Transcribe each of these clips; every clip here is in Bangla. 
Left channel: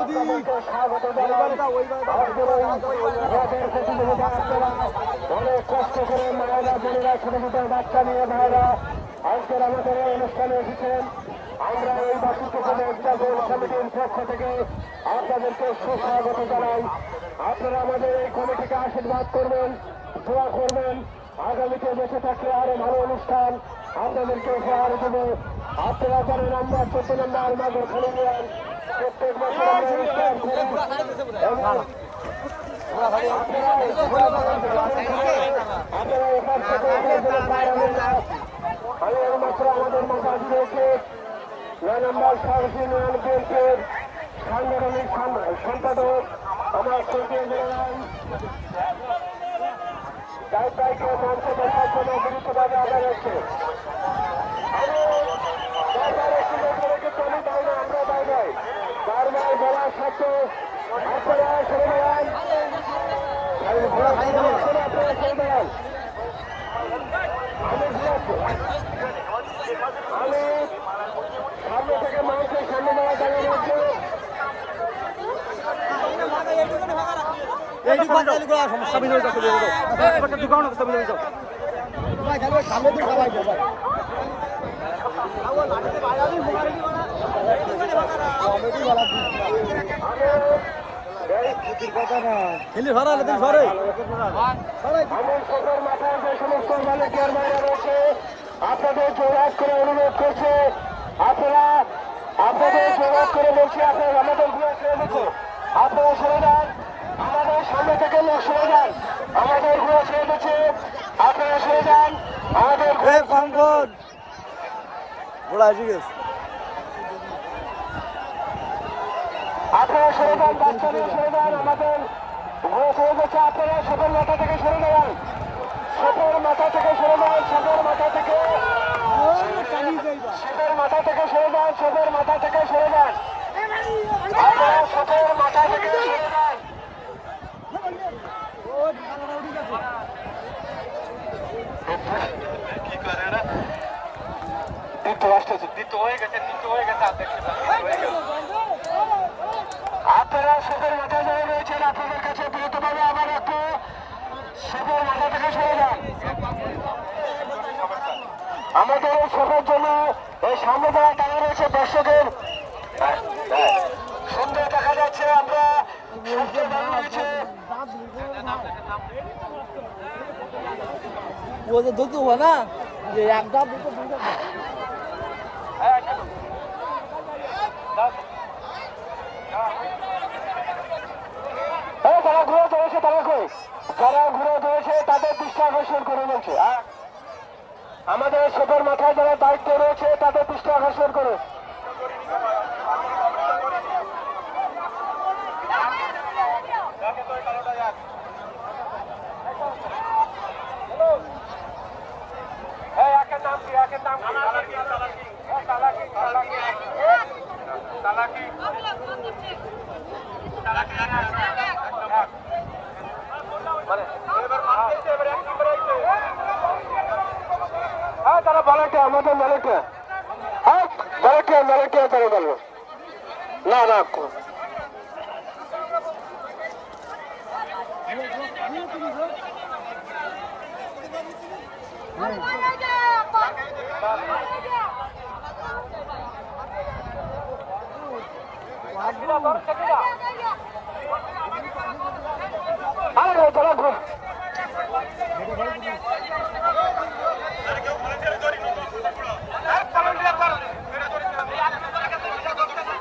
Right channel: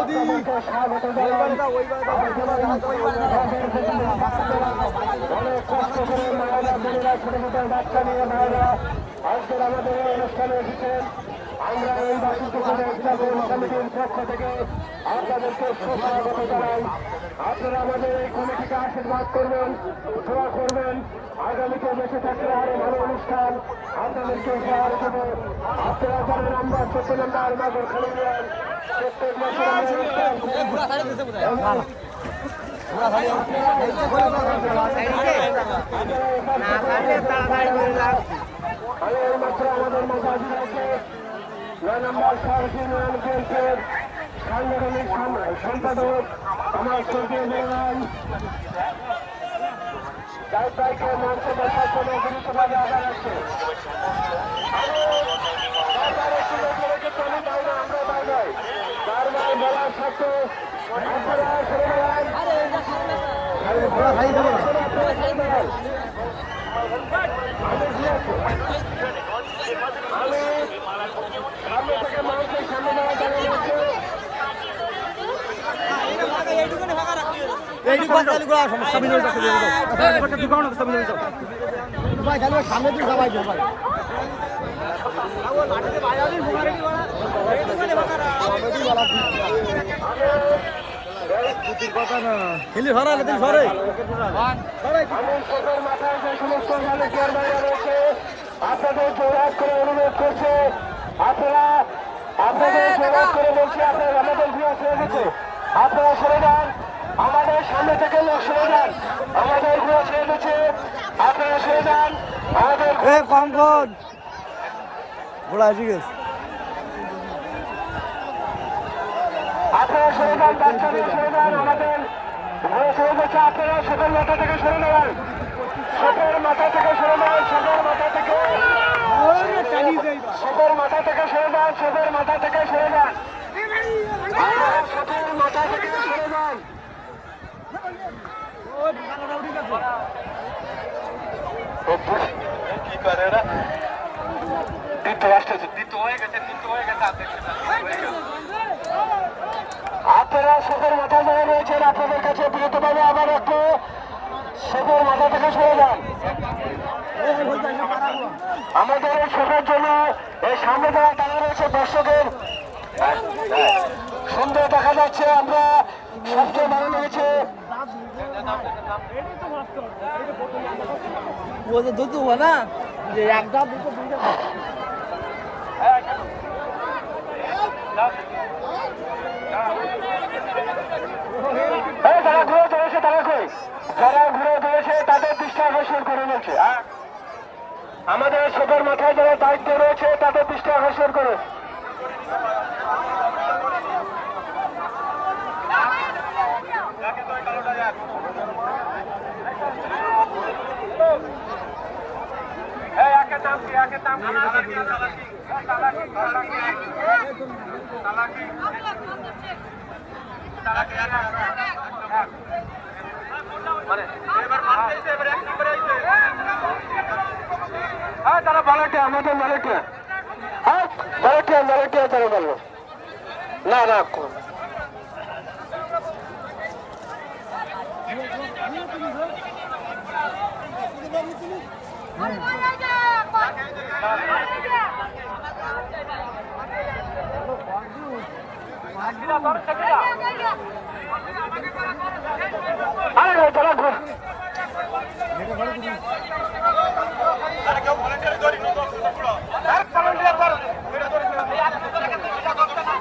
আপনাদেরকে স্বাগত জানাই। আজকের অনেক কষ্ট করে মায়েরা বোনেরা ছোট ছোট বাচ্চা নিয়ে ভাইরা আজকের আমাদের এই অনুষ্ঠানে এসেছেন। আমরা এই বাসন্তী এক্সাইটেড কমিটির পক্ষ থেকে আপনাদেরকে সুস্বাগত জানাই। আপনারা আমাদের এই কমিটিকে আশীর্বাদ করবেন, দোয়া করবেন। আগামীতে দেশে থাকলে আরো ভালো অনুষ্ঠান আপনাদেরকে উপহার দেব। আপনারা 4 নম্বর 7 নম্বর আমাদের প্রত্যেক বছর আমি মাত্র আমাদের মজাজিদেরকে 9 নম্বর সাংগঠনিক সম্পাদক আমার শ্রদ্ধেয় জেনারেল জায়গাকে মঞ্চ বসার জন্য গুরুত্বপূর্ণ দেখা যাচ্ছে। বলার সত্ত্বে সামনে দিন সবাই ভাই কথা না খেলি ভরা সরে আপনাদের জোরাত করে অনুরোধ করছে, আপনারা আপনাদের জোরাত করে বলছি আপনারা আমাদের আপনারা সরে যান, আমাদের সামনে থেকে সরে যান, আমাদের ঘুরে ছেড়ে দিচ্ছে, আপনারা সরে যান আমাদের কম কর বড়া ঠিক আছে আপনারা সরে যান, ঘুরে ছেড়ে দিচ্ছে, আপনারা সকাল মাথা থেকে সরে যান, সকাল মাথা থেকে সরে যান, সকাল মাথা থেকে সকাল মাথা থেকে সরে যান, সকাল মাথা থেকে সরে যান, আপনারা সকাল মাথা থেকে সরে যান। কি করে না আপনারা সবের মাথা যারা রয়েছেন আপনাদের কাছে বিরত পাবে, আবার একটু সবের মাথা থেকে সরে যান। আমাদের এই সবের জন্য এই সামনে যারা তারা রয়েছে দর্শকের সুন্দর দেখা যাচ্ছে। আমরা সবচেয়ে ভালো লেগেছে দুটো হওয়া না যে একটা দুটো যারা ঘুরে চলেছে তারা কই, যারা ঘুরে চলেছে তাদের দৃষ্টি আকর্ষণ করে বলছে। আমাদের সবার মাথায় যারা দায়িত্ব রয়েছে তাদের দৃষ্টি আকর্ষণ করে। তারা বলেটে আমাদের বলেটে, হ্যাঁ বলেটে বলেটে তারা বললো না না আরে না তারা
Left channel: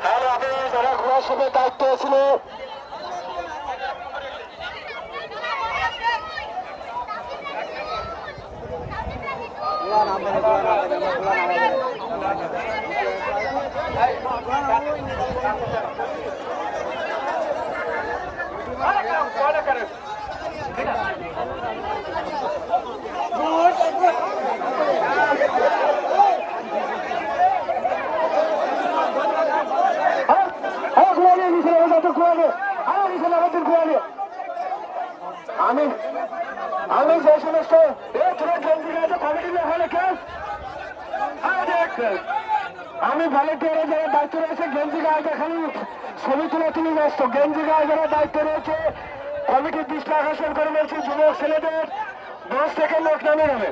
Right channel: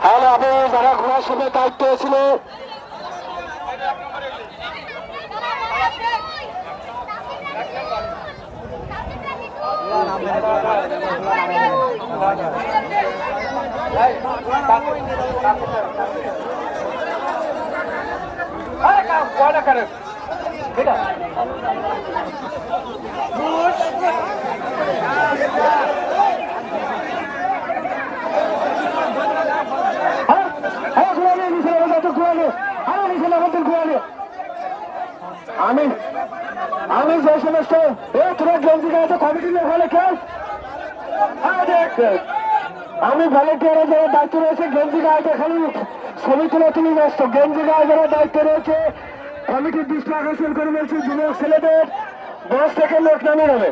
হ্যালো আপনারা যারা ঘোরার সময় দায়িত্ব ছিল করেন ঠিক আছে আমি যে সমস্ত তোরা গেঞ্জি গায়ে কমিটি হলে কেস আমি ভলেন্টিয়ারের যারা দায়িত্ব রয়েছে গেঞ্জি গায়ে খালি ছবি তোলা তুমি ব্যস্ত। গেঞ্জি গায়ে যারা দায়িত্ব রয়েছে কমিটির দৃষ্টি আকর্ষণ করে বলছি যুবক ছেলেদের 10 থেকে লোক নামে নেবে।